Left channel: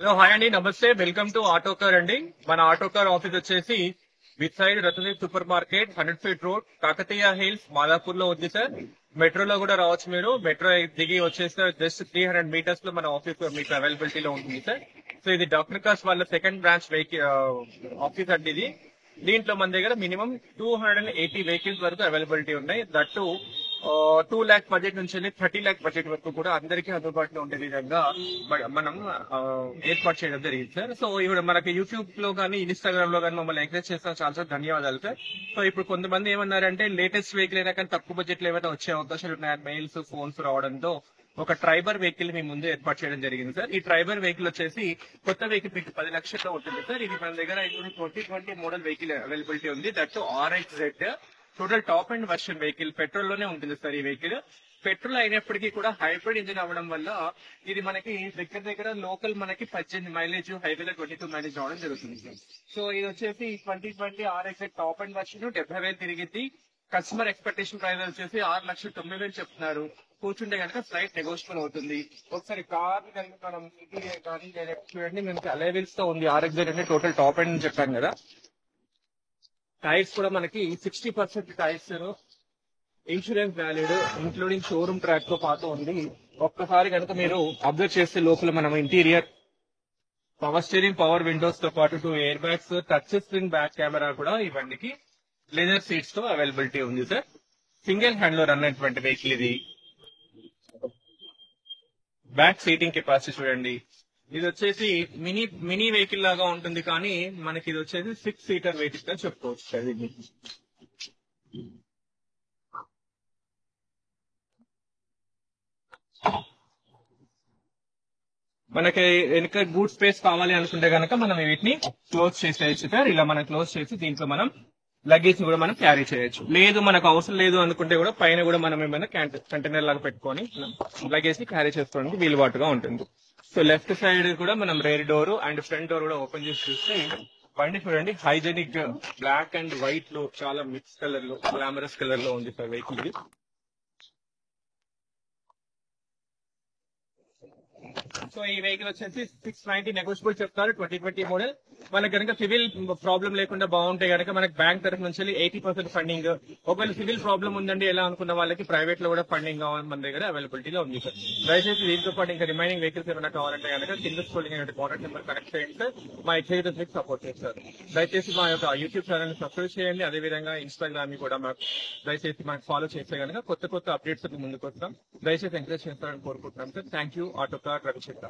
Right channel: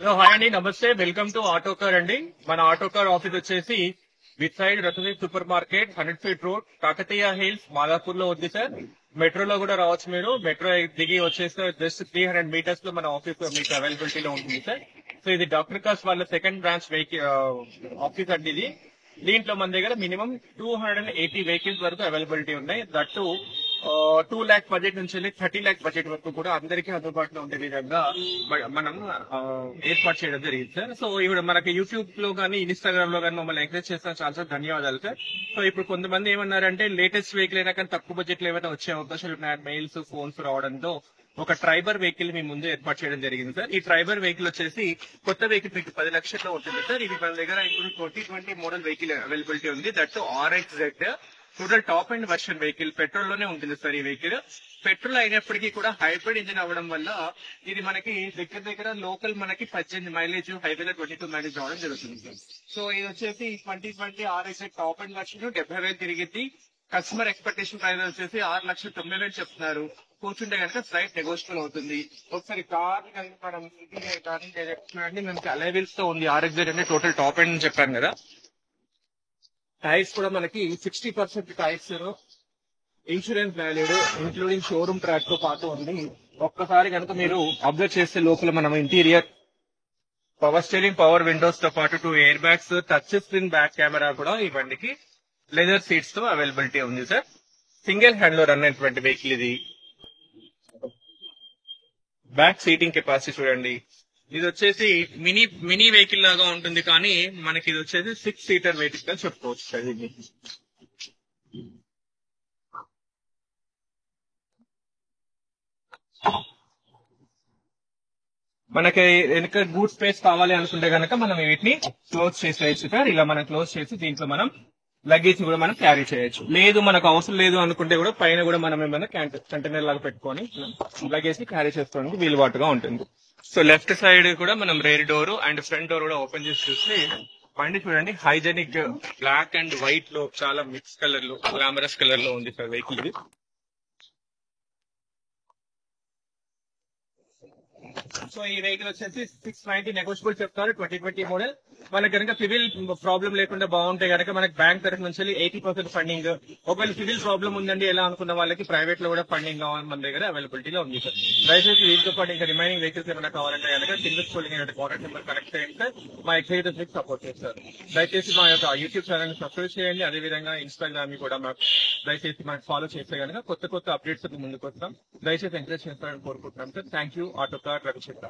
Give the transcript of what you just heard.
Hello hi అండి, నమస్తే. Welcome to auto car అండి. మన ఆటో కార్ ఆఫీస్ వచ్చేసి విత్ సైడ్ రతనీత్ super market, 100 feet road, Kakatiya Hills, Madhapur లో ఉంది సార్. మెట్రోలో కూడా రావచ్చు మీరు. మెట్రో దిగి వచ్చేస్తే జస్ట్ 300 మీటర్స్ లో మన ఆఫీస్ మీకు అవైలబిలిటీలో ఉంటుంది సార్. సో ఇది డాక్టర్ కాస్ వాళ్ళ సెకండ్ బ్రాంచ్ వెహికల్ ఆఫీస్ అండి ఇది. దీంట్లో మన దగ్గర మినిమం 280 వెహికల్స్ వరకు అవైలబిలిటీ ఉన్నాయి. దట్టు 2 lakh బడ్జెట్ నుంచి 30 lakh బడ్జెట్ వరకు కూడా అందరికీ అందుబాటులో ఉండే విధంగా మనం ఏర్పాటు చేయడం జరిగింది సార్. సో ఇప్పుడు మనకి యూట్యూబ్ లో కానీ ఇన్స్టాగ్రామ్ లో కానీ మమ్మల్ని ఎంకరేజ్ చేసిన చాలా చాలా ధన్యవాదాలు సార్. సో ఇప్పుడు కొంతమంది ఏమన్నారంటే లేటెస్ట్ వెహికల్ అయినా కానీ తక్కువ బడ్జెట్ లో ఏమైనా వచ్చే అవకాశాలు ఉన్నాయని మెయిల్స్ ఫోన్స్ రావడంతో ఒక ట్రైబర్ వెహికల్ మీ ముందు ఏర్పాటు చేయడం జరిగింది సార్. ఈ ట్రైబర్ వెహికల్ వచ్చేసి కొత్త వెహికల్ మీకు 10 లక్షల్లో ఉంటుంది సార్. ఇది మన దగ్గర ఇప్పుడు 2020 మోడల్ వెహికల్ అవైలబిలిటీ ఉంది. That RXZ total top end version vehicle. Petrol లోనే ఉంటుంది సార్ ఈ వెహికల్. పెట్రోల్ అయినప్పటికీ కూడా హైబ్రిడ్ ఇంజిన్ అవ్వడం వల్ల ఇది మనకి దగ్గర దగ్గర లోకల్ మనకి 18 మైలేజ్, హైవేలో 22 మైలేజ్ రావడం జరుగుతుంది సార్. సో ఇది వచ్చేసి 2020 RXZ టాప్ అండ్ వర్షన్ 70,000 తిరిగింది. కస్టమర్ ఎక్స్పెక్టేషన్ ప్రైస్ వచ్చేసి 6,90,000 చెప్తున్నారు. కూర్చుంటే కనుక స్లైట్ నెగోషియబుల్ అవుతుంది. ఒకసారి కార్ మనం చూడండి, మనకి అలైవిల్స్ తో ఉంది. RXZ అంటే టోటల్ టాప్ అండ్ చెప్పాను కదా. టైర్స్ కూడా మనకి 60% tyres, insurance valued including showroom track తో పాటు ఉంది. ఒక్కసారి కనుక మీరు అబ్జర్వ్ చేస్తే లోపల మనం interior power steering, power Windows తో పాటు 2 air bags, touch screen back camera కూడా ఈ బండికి లెదర్ సీట్స్ తో అవైలబిలిటీ ఉంది సార్. సింగిల్ హ్యాండ్ లో రన్ అయినటువంటి వెహికల్ ఇది. బ్యాక్ సీటింగ్ కెపాసిటీ చూడండి. ఇది వచ్చేసి మినీ వెహికల్ లాగా ఉంటుంది, కానీ మనకి ఇది వచ్చేసి 6 సీటర్ వెహికల్ గా చెప్పుకోవచ్చు సార్ ఇది. మనకి వెనక గూడ్ స్పేస్ కావాలి అనుకుంటే కనుక మనం వీటిని క్లోజ్ చేసేయచ్చు సార్. ఇలా మనం క్లోజ్ చేసి దీంట్లో మనం లగేజ్ కూడా మనం క్యారీ చేయొచ్చు. లేదు మనకు అవసరం లేదు అనుకుంటే కూడా పైన కూడా మనం ఏమైనా కంటైనర్ లాగా పెట్టుకొని లగేజ్ ని క్యారీ చేసుకోవడానికి వీలుబాటుగా ఉంటుంది. సో లెఫ్ట్ సైడ్ కూడా మనం rare door and front door కూడా ఓపెన్ చేసి చూస్తే బండి చూడండి, హైజెనిక్ బ్లాక్ అండ్ వైట్ లో చాలా మిక్స్ కలర్ లో, గ్లామరస్ కలర్ లో ఉంది సార్ వెహికల్ ఇది. సో ఈ వెహికల్ వచ్చేసి 690 నెగోషియబుల్ చెప్తారు. 2020 మోడల్. మనకి కనుక సివిల్ ప్రాబ్లం లేకుండా బాగుంటే కనుక మనకి బ్యాంక్ తరఫు నుంచి 80% ఫండింగ్. ఒకవేళ సివిల్ ప్రాబ్లం ఉందండి ఎలా అనుకున్న వాళ్ళకి ప్రైవేట్ లో కూడా ఫండింగ్ కావాలి మన దగ్గర అవైలబిలిటీలో ఉంది సార్. దయచేసి దీంతో పాటు ఇంకా రిమైనింగ్ వెహికల్స్ ఏమైనా కావాలంటే కనుక కింద స్కూలింగ్ కాంటాక్ట్ నెంబర్ కనెక్ట్ చేయండి సార్. మా ఎగ్జిక్యూటివ్స్ మీకు సపోర్ట్ చేస్తారు. దయచేసి మా యొక్క యూట్యూబ్ ఛానల్ సబ్స్క్రైబ్ చేయండి. అదేవిధంగా ఇన్స్టాగ్రామ్ కూడా మాకు దయచేసి మాకు ఫాలో చేస్తే కనుక కొత్త కొత్త అప్డేట్స్ ముందుకు వస్తాం. దయచేసి ఎంకరేజ్ చేస్తారని కోరుకుంటున్నాం sir. Thank you. Auto car Ravichandra.